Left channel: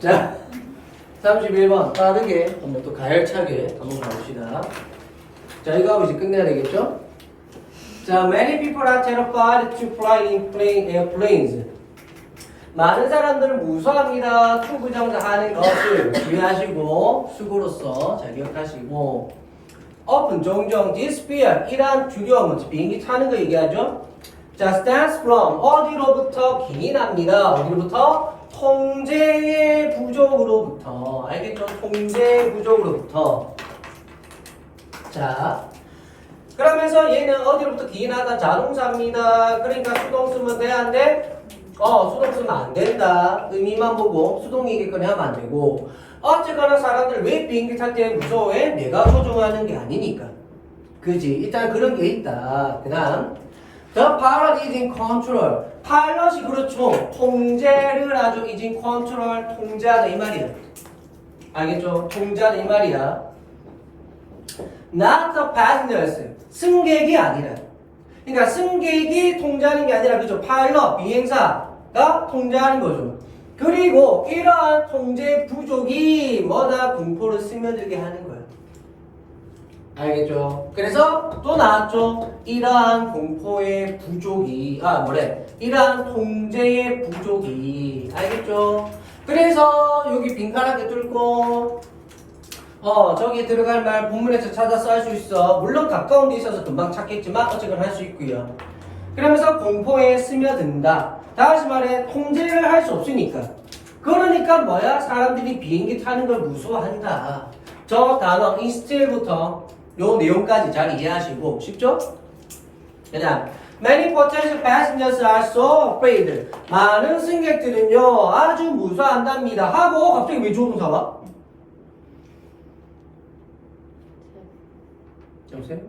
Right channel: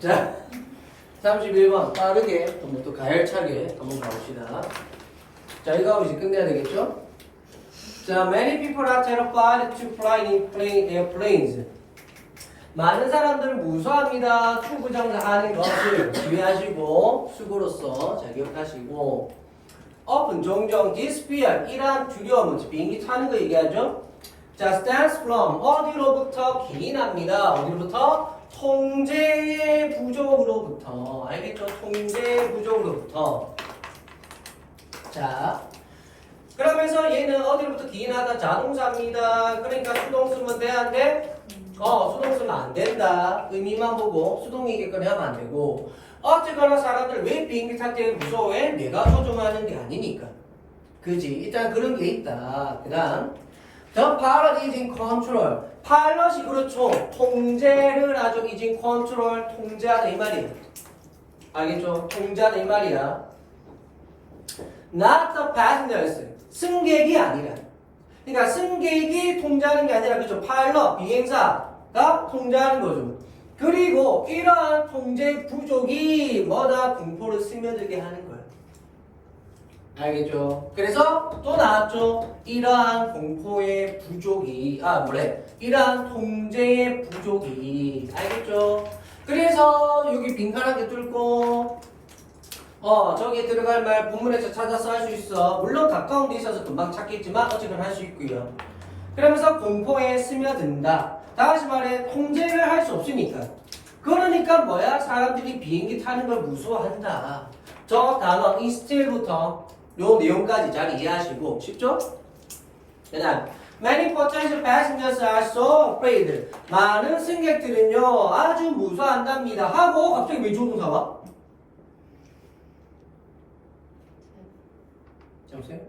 자, 31번 빠르게 한번 또 가열차게 한번 가봅시다. 자, 이거 하고 이제 끝내야 되겠죠? 자, many people are terrified to fly in plane, airplanes. 많은 사람들은 무서워합니다. 투부정사 하는 것을 주의하시고 수고로서 잘 기억하시고 often 종종 this fear 이러한 두려움은 비행기 타는 거 얘기하죠. 자, stands from 어디로부터 기인합니다. 어디로부터? 통제의 부족으로부터 알겠죠? 통제의 부족으로부터 자 그러면서 얘는 어디로부터 기인하다 자동사입니다. 그러니까 수동 쓰면 돼안돼? 어 수동 쓰면 안 된다. 의미만 보고 수동 얘기거리 하면 안 되고 어쨌거나 사람들 왜 비행기 탈 때 무서워해? 내가 소중하는 게 아니니까. 그지? 일단 그런 게 있다. 그 다음 The pilot is in control. 파일럿이 그렇죠. 통제를 is in control. 통제하다 이 말이야. 알겠죠? 통제하다 이 말이야. Not the passengers. 승객이 아니라. 그러니까 승객이 통제하는 게 아니라 그죠? 파일럿, 비행사가 통제하는 거죠. 그리고 이러한 통제 부족이 뭐다 공포를 스며들게 하는 거야. 알겠죠? 그래서 또 나왔죠. 이러한 공포의 부족이 아 뭐래? 이러한 통제의 부족이 알겠죠? 그래서 여기 빈칸하게 뚫고 어 저기 들어갈 말 본문에서 찾아서 할 수 있어. 물론 가까운 데 있어서 금방 찾겠지만 어쨌거나 할수 있고요. 그러면서 공포에 스며든다. 다시 말해 통제를 할 수 없으니까. 그러니까 뭐야? 사람들이 비행기 타는 걸 무서워한다. 저 단어 instead부터 요 내용까지 잘 이해하시고 쉽죠? 그다음 Many potential passengers are so afraid. 많은 승객들은요 아주 무서워한답니다. 하고 갑자기 왜 조동사 와? 여보세요?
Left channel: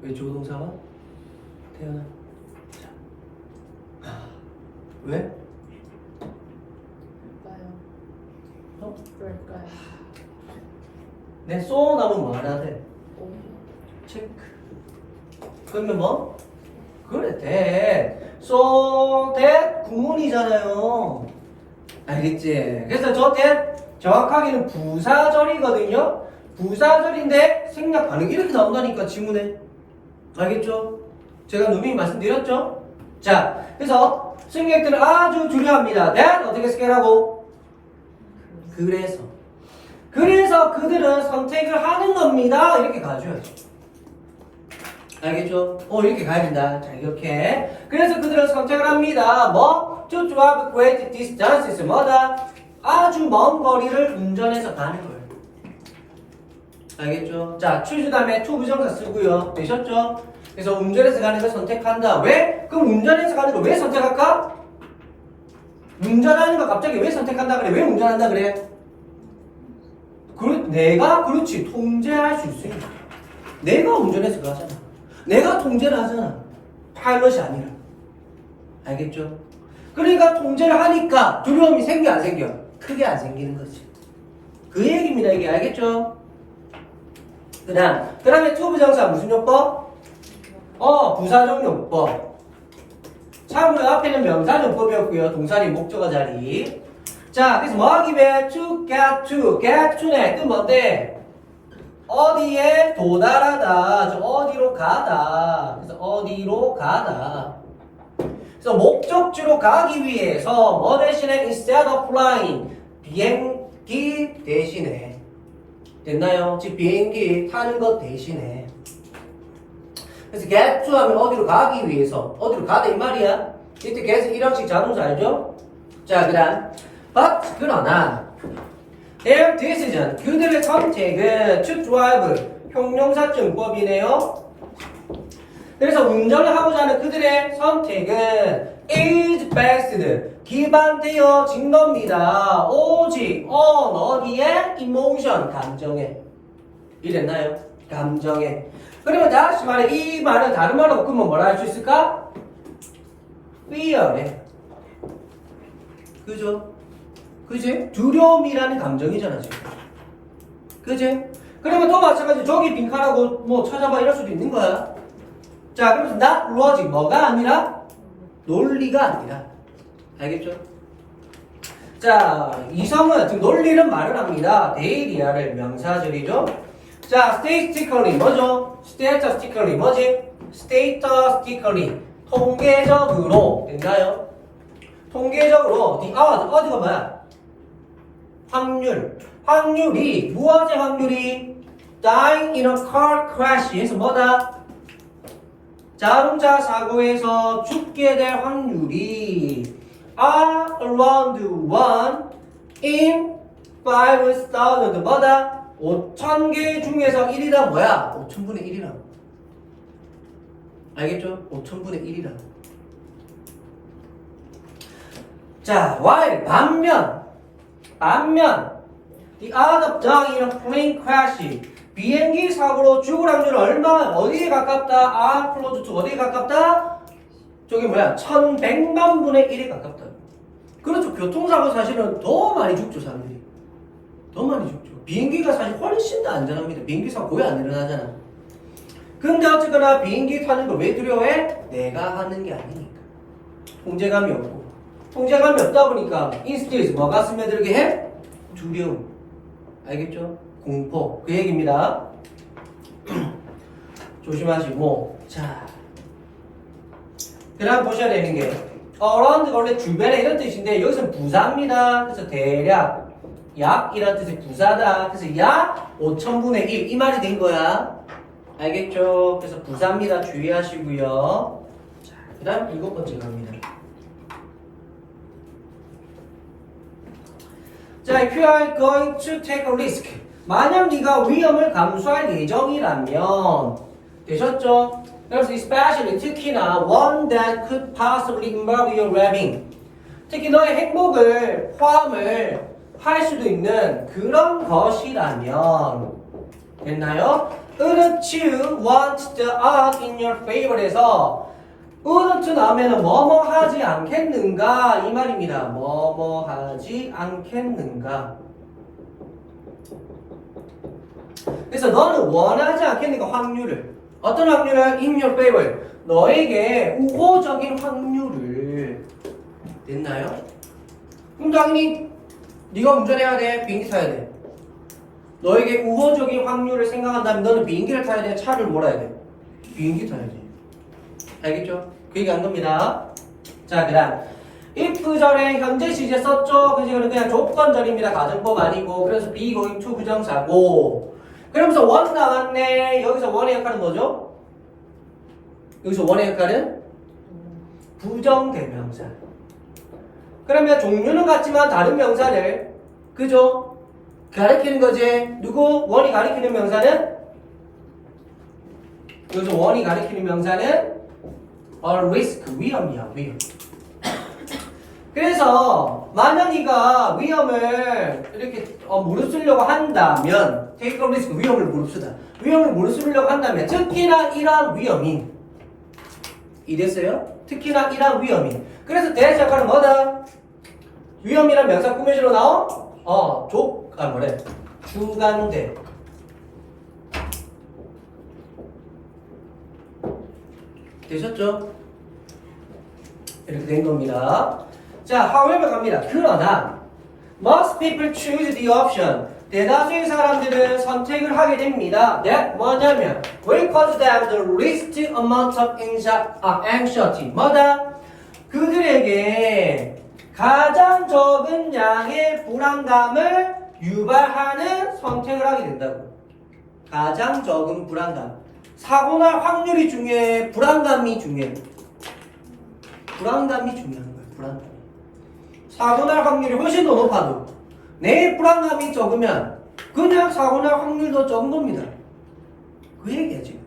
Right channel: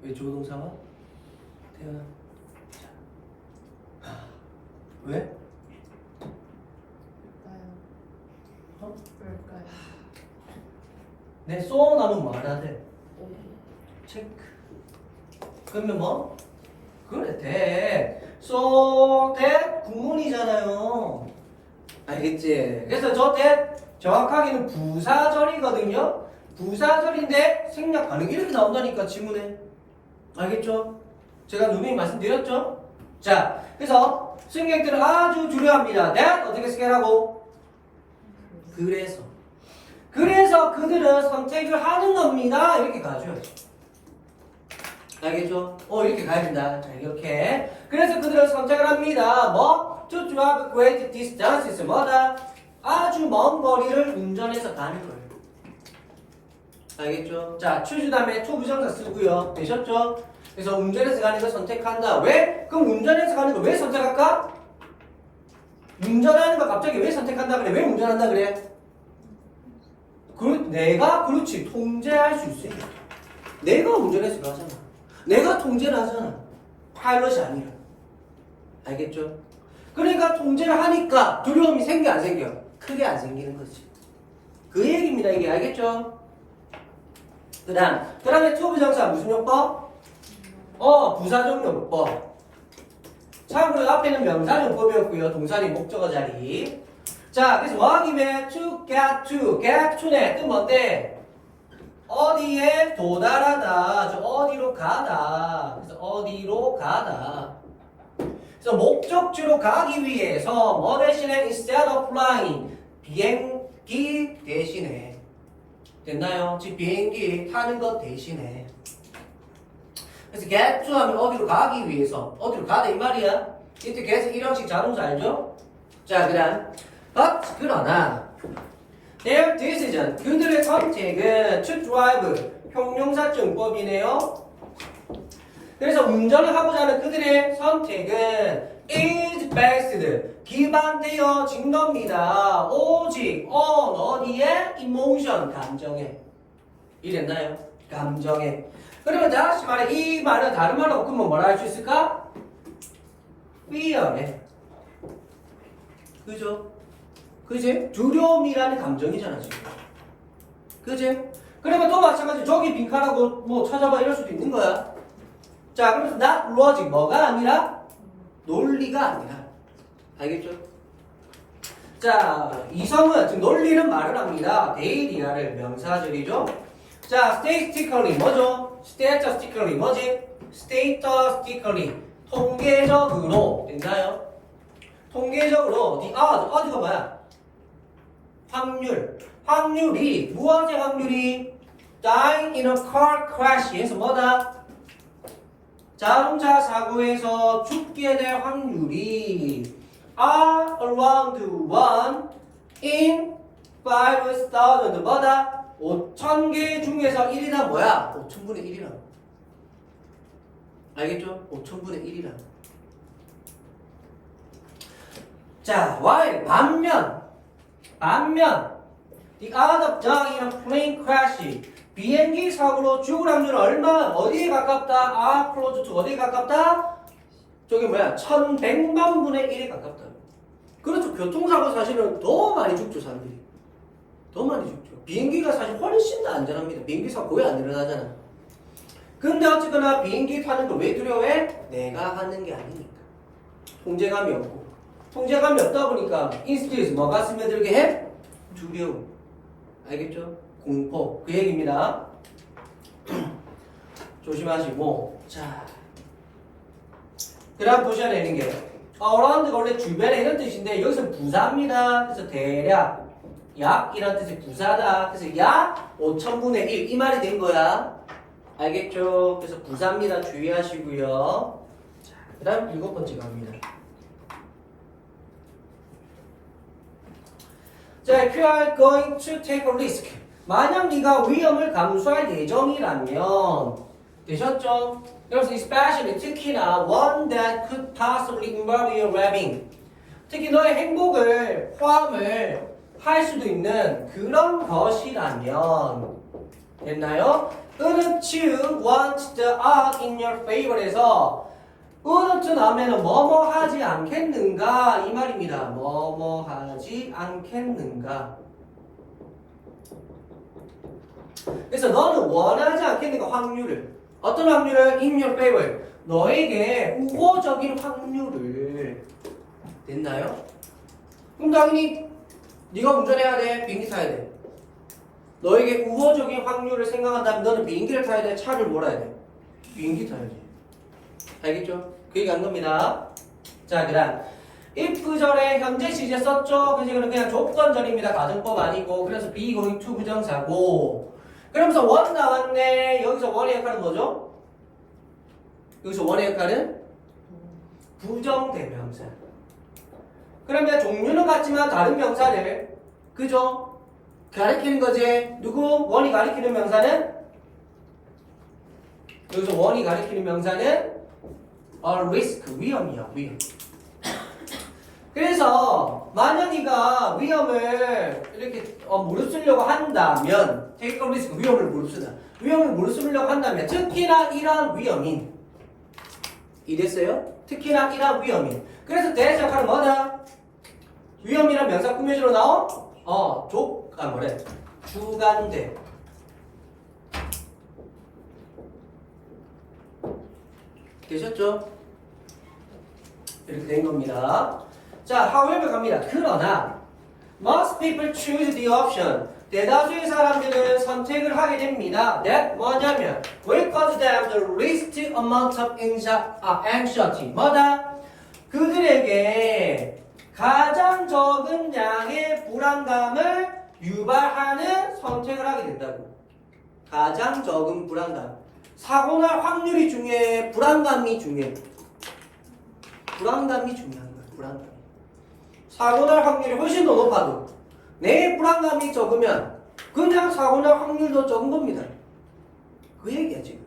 왜 조동사 와? 태연아. 자. 하, 왜? 어? 내 쏘나면. 오, 체크. 그러면 뭐? 그래, 대. so that 구문이잖아요. 알겠지? 그래서 저 that 정확하게는 부사절이거든요. 부사절인데 생략 가능 이렇게 나온다니까 지문에. 알겠죠? 제가 누누이 말씀드렸죠? 자, 그래서 승객들은 아주 두려워합니다. that 어떻게 스케라고? 그래서. 그래서 그들은 선택을 하는 겁니다. 이렇게 가줘야지. 알겠죠? 어, 이렇게 가야 된다. 자, 이렇게. 그래서 그들은 선택을 합니다. 뭐? To drive great distances. 뭐다? 아주 먼 거리를 운전해서 가는 거예요. 알겠죠? 자, choose 다음에 to 부정사 쓰고요. 되셨죠? 그래서 운전해서 가는 걸 선택한다. 왜? 그럼 운전해서 가는 걸 왜 선택할까? 운전하는 거 갑자기 왜 선택한다 그래? 왜 운전한다 그래? 그, 내가 그렇지 통제할 수 있으니까 내가 운전해서 가잖아 내가 통제를 하잖아 파일럿이 아니라 알겠죠? 그러니까 통제를 하니까 두려움이 생겨 안 생겨? 크게 안 생기는 거지 그 얘기입니다 이게 알겠죠? 그 다음 그 다음에 투부정사 무슨 용법? 어 부사적 용법 참고로 앞에는 명사 용법이었고요 동사리 목적어 자리 자, 그래서 뭐 하기 위해 to get to, get to네. 그 뭔데? 어디에 도달하다. 저 어디로 가다. 그래서 어디로 가다. 그래서 목적지로 가기 위해서 뭐 대신에 instead of flying 비행기 대신에 됐나요? 즉 비행기 타는 것 대신에 그래서 get to 하면 어디로 가기 위해서 어디로 가다 이 말이야. 이때 get은 일형식 자동사 알죠? 자, 그 다음 But 그러나 their decision 그들의 선택은 to drive 형용사증법이네요. 그래서 운전을 하고자 하는 그들의 선택은 is based 기반되어진 겁니다. 오직 on 어디에 emotion 감정에 이랬나요? 감정에. 그러면 다시 말해 이 말은 다른 말로 바꾸면 뭐라 할 수 있을까? fear에. 그죠? 그지? 두려움이라는 감정이잖아 지금. 그지? 그러면 또 마찬가지 저기 빈칸하고 뭐 찾아봐 이럴 수도 있는 거야. 자 그러면서 not logic 뭐가 아니라 논리가 아니라 알겠죠? 자, 이성은 지금 논리는 말을 합니다. 데이리아를 명사절이죠. 자, statistically 뭐죠? statistically 뭐지? statistically 통계적으로 됐나요? 통계적으로 the odd, odd가 뭐야? 확률. 확률이 무엇의 확률이 dying in a car crash에서 뭐다? 자동차 사고에서 죽게 될 확률이 are around 1 in 5,000 뭐다? 5,000개 중에서 1이다 뭐야? 5,000분의 1이라 알겠죠? 5,000분의 1이라 자, while 반면 반면 the other dog in a plane crash 비행기 사고로 죽을 확률은 얼마 어디에 가깝다? are close to 어디에 가깝다? 저기 뭐야 1100만 분의 1에 가깝다. 그렇죠. 교통사고 사실은 더 많이 죽죠 사람들이. 더 많이 죽죠. 비행기가 사실 훨씬 더 안전합니다. 비행기 사고 거의 안 일어나잖아. 근데 어쨌거나 비행기 타는 걸 왜 두려워해? 내가 하는 게 아니니까. 통제감이 없고 통제감이 없다 보니까 인스티에서 뭐가 스며들게 해? 두려움 알겠죠? 공포. 그 얘기입니다. 조심하시고. 자. 그 다음 보셔야 되는 게 around가 원래 주변에 이런 뜻인데 여기서 부사입니다. 그래서 대략 약 이런 뜻의 부사다. 그래서 약 5천분의 1 이 말이 된 거야. 알겠죠? 그래서 부사입니다. 주의하시고요. 그 다음 일곱 번째 갑니다 자, if you are going to take a risk. 만약 네가 위험을 감수할 예정이라면 되셨죠? 그래서 especially 특히나 one that could possibly involve your well-being. 특히 너의 행복을 포함을 할 수도 있는 그런 것이라면 됐나요? Wouldn't you want the art in your favor에서 wouldn't 나오면 뭐뭐 하지 않겠는가? 이 말입니다. 뭐뭐 하지 않겠는가. 그래서 너는 원하지 않겠는가? 확률을. 어떤 확률을? In your favor. 너에게 우호적인 확률을. 됐나요? 그럼 당연히 네가 운전해야 돼? 비행기 타야 돼? 너에게 우호적인 확률을 생각한다면 너는 비행기를 타야 돼? 차를 몰아야 돼? 비행기 타야지. 알겠죠? 그 얘기 한 겁니다. 자, 그 다음. if 전에 현재 시제 썼죠? 그지? 그럼 그냥 조건절입니다. 가정법 아니고. 그래서 be going to 부정사고. 그러면서 원 나왔네. 여기서 원의 역할은 뭐죠? 여기서 원의 역할은 부정대명사. 그러면 종류는 같지만 다른 명사를 그죠? 가리키는 거지. 누구? 원이 가리키는 명사는 여기서 원이 가리키는 명사는 a risk 위험이야 위험. 그래서 만약 네가 위험을 이렇게 어, 무릅쓰려고 한다면 take a risk 위험을 무릅쓰다. 위험을 무릅쓰려고 한다면 특히나 이러한 위험인 이랬어요? 특히나 이러한 위험인. 그래서 역할은 뭐다? 위험이란 명사 꾸며지로 나온 어, 족, 아, 뭐래? 주간대. 되셨죠? 이렇게 된 겁니다. 자, however 갑니다. 그러나 most people choose the option. 대다수의 사람들은 선택을 하게 됩니다. that 뭐냐면 will cause them the least amount of anxi- 아, anxiety. 뭐다? 그들에게 가장 적은 양의 불안감을 유발하는 선택을 하게 된다고. 가장 적은 불안감. 사고 날 확률이 중요해. 불안감이 중요해. 불안감이 중요한 거야. 불안감. 사고 날 확률이 훨씬 더 높아도 내 불안감이 적으면 그냥 사고 날 확률도 적은 겁니다. 그 얘기야 지금.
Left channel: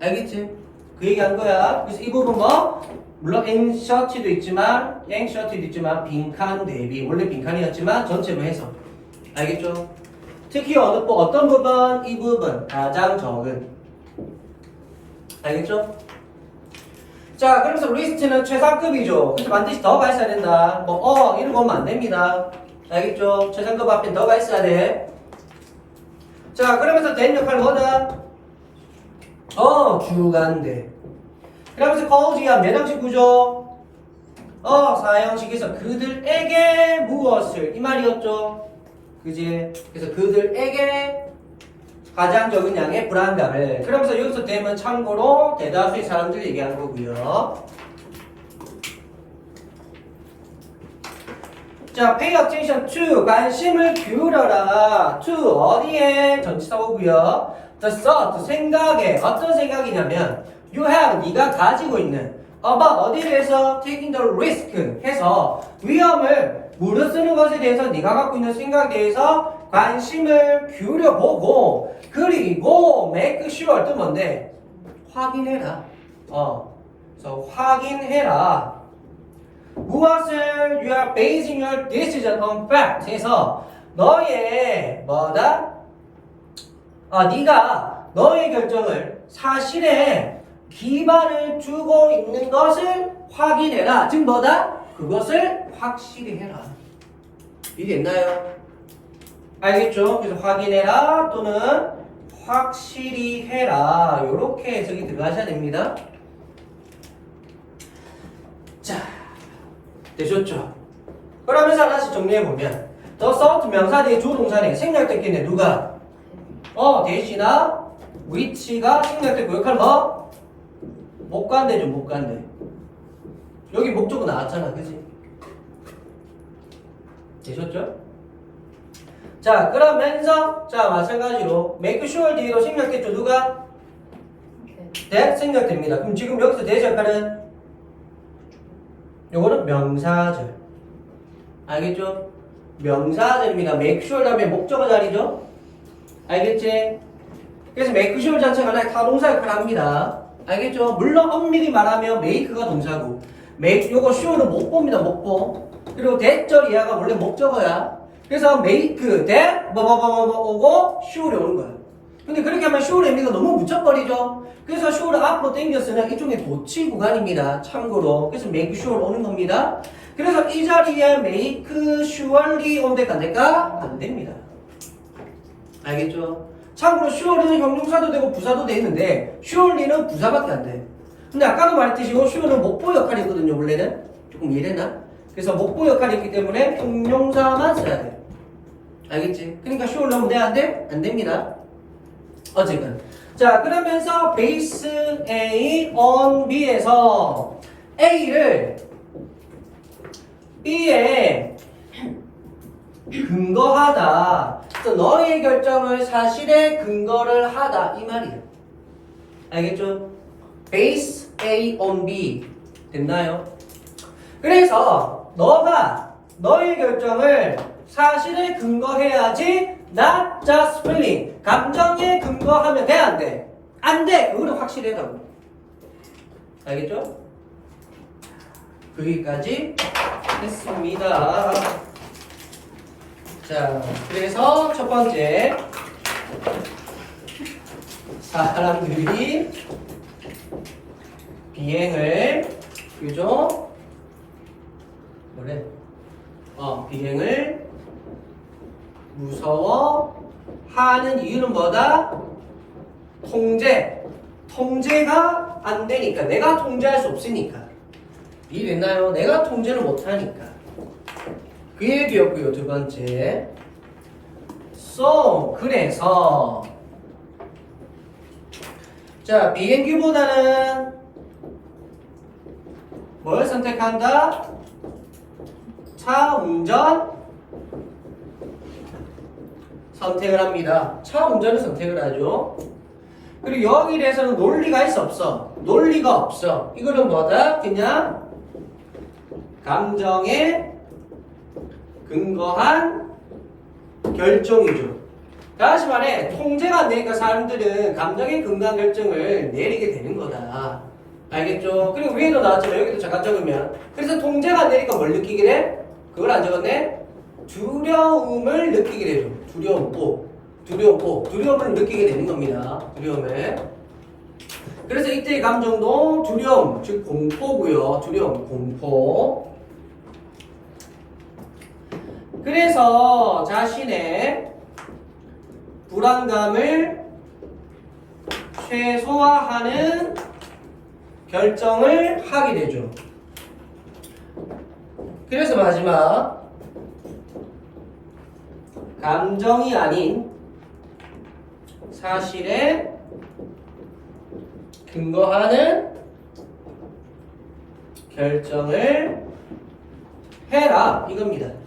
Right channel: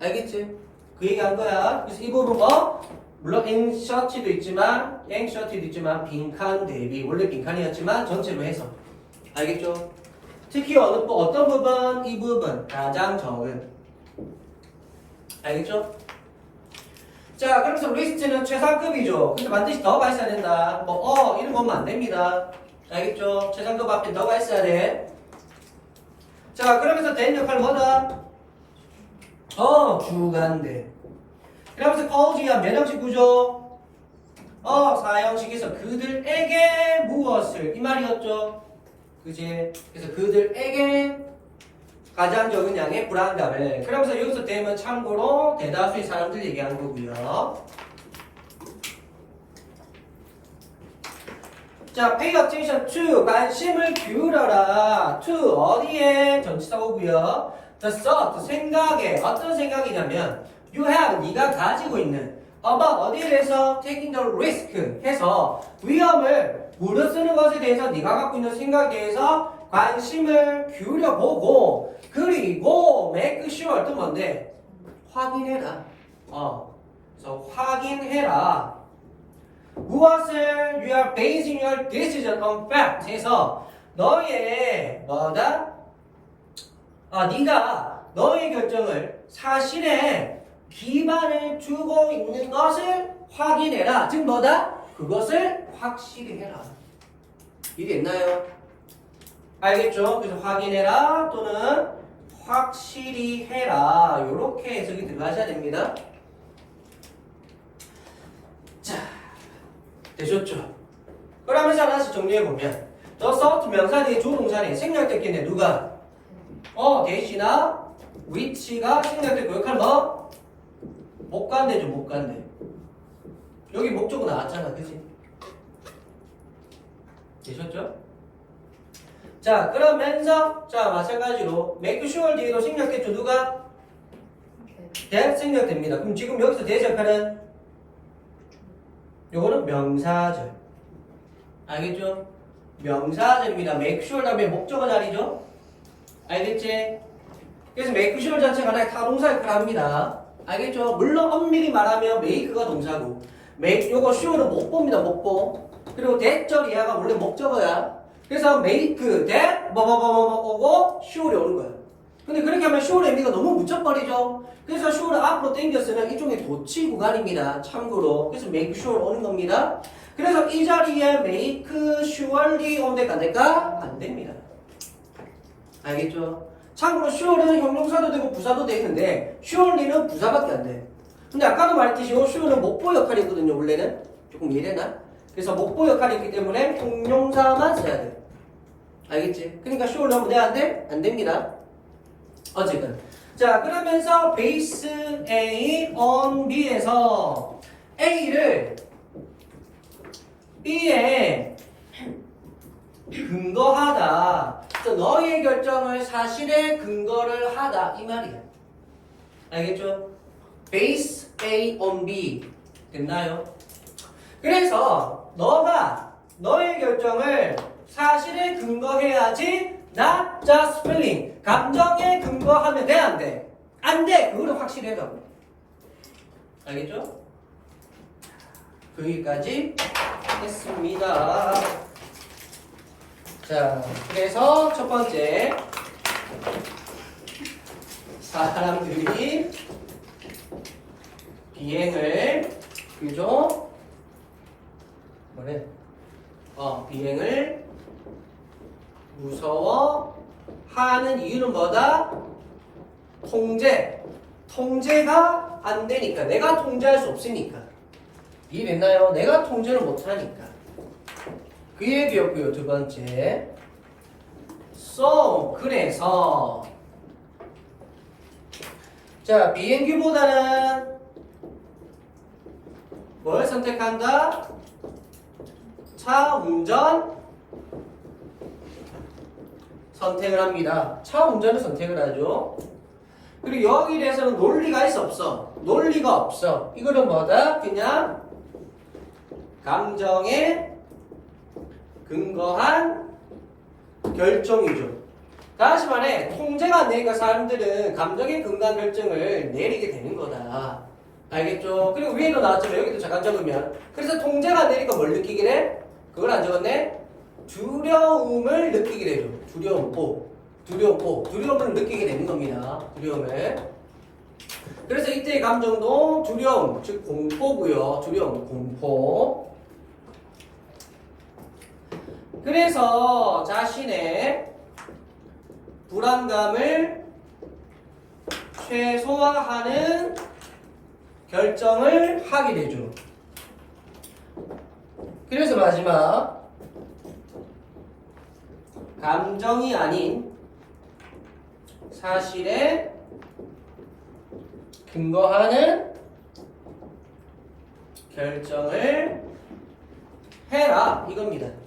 알겠지? 그 얘기한 거야. 그래서 이 부분 뭐 물론 앵셔티도 있지만 앵셔티도 있지만 빈칸 대비 원래 빈칸이었지만 전체로 해서 알겠죠? 특히 어느 부- 어떤 부분 이 부분 가장 적은 알겠죠? 자, 그래서 리스트는 최상급이죠. 그래서 반드시 더가 있어야 된다. 뭐, 어, 이런 거 하면 안 됩니다. 알겠죠? 최상급 앞에 더가 있어야 돼. 자, 그러면서 된 역할은 뭐다? 어, 주간대. 그러면서 거우지야 매장식 구조. 어 사형식에서 그들에게 무엇을 이 말이었죠. 그지? 그래서 그들에게 가장 적은 양의 불안감을 그러면서 여기서 되면 참고로 대다수의 사람들 얘기한 거고요. 자, pay attention to 관심을 기울여라. to 어디에 전치사고고요. the thought 생각에 어떤 생각이냐면 you have 네가 가지고 있는 about 어디에 대해서 taking the risk 해서 위험을 무릅쓰는 것에 대해서 네가 갖고 있는 생각에 대해서 관심을 기울여 보고 그리고 make sure 또 뭔데 확인해라. 어, 그래서 확인해라. 무엇을 you are basing your decision on fact 해서 너의 뭐다? 아, 네가 너의 결정을 사실에 기반을 두고 있는 것을 확인해라. 즉 뭐다? 그것을 확실히 해라. 이해됐나요? 알겠죠? 그래서 확인해라 또는 확실히 해라. 이렇게 해석이 들어가셔야 됩니다. 자, 되셨죠? 그러면서 하나씩 정리해보면 더 서트 명사 뒤에 주동사네 생략됐겠네 누가? 어 대시나 위치가 생략됐고 역할 뭐? 못 간대죠 못 간대 여기 목적어 나왔잖아 그지? 되셨죠? 자 그러면서 자 마찬가지로 make sure 뒤로 생략됐죠 누가? that 생략됩니다 그럼 지금 여기서 대시 역할은 요거는 명사절. 알겠죠? 명사절입니다. make sure 다음에 목적어 자리죠? 알겠지? 그래서 make sure 자체가 하나의 타동사 역할을 합니다. 알겠죠? 물론 엄밀히 말하면 make가 동사고 make 요거 sure는 목보입니다. 목보. 그리고 that절 이하가 원래 목적어야. 그래서 make, that, 뭐뭐뭐뭐 오고 sure이 오는 거야. 근데 그렇게 하면 쇼의 의미가 너무 묻혀버리죠. 그래서 쇼를 앞으로 당겼으면 일종의 도치 구간입니다. 참고로. 그래서 make sure 오는 겁니다. 그래서 이 자리에 make surely 온대가 안 될까? 안 됩니다. 알겠죠? 참고로 sure는 형용사도 되고 부사도 돼 있는데 surely는 부사밖에 안 돼. 근데 아까도 말했듯이 이 sure는 목보 역할이 있거든요. 원래는. 조금 이해되나? 그래서 목보 역할이 있기 때문에 형용사만 써야 돼. 알겠지? 그러니까 sure 넣으면 돼? 안 돼? 안 됩니다. 어쨌든 자 그러면서 베이스 A on B에서 A를 B에 근거하다 또 너의 결정을 사실에 근거를 하다 이 말이에요 알겠죠? 베이스 A on B 됐나요? 그래서 너가 너의 결정을 사실에 근거해야지 not just feeling 감정에 근거하면 돼 안 돼? 안 돼! 그거는 확실해라고 알겠죠? 여기까지 했습니다 자 그래서 첫 번째 사람들이 비행을 그죠? 뭐래? 어 비행을 무서워하는 이유는 뭐다? 통제. 통제가 안 되니까. 내가 통제할 수 없으니까. 이해됐나요? 내가 통제를 못하니까. 그 얘기였고요. 두 번째. So, 그래서. 자, 비행기보다는 뭘 선택한다? 차 운전 선택을 합니다. 차 운전을 선택을 하죠. 그리고 여기에 대해서는 논리가 있어 없어? 논리가 없어. 이거는 뭐다? 그냥 감정에 근거한 결정이죠. 다시 말해 통제가 안 되니까 사람들은 감정에 근거한 결정을 내리게 되는 거다. 알겠죠? 그리고 위에도 나왔지만 여기도 잠깐 적으면 그래서 통제가 안 되니까 뭘 느끼게 돼? 그걸 안 적었네? 두려움을 느끼게 되죠. 두려움, 오. 두려움을 느끼게 되는 겁니다. 두려움을. 그래서 이때의 감정도 두려움, 즉 공포고요. 두려움, 공포. 그래서 자신의 불안감을 최소화하는 결정을 하게 되죠. 그래서 마지막 감정이 아닌 사실에 근거하는 결정을 해라 이겁니다.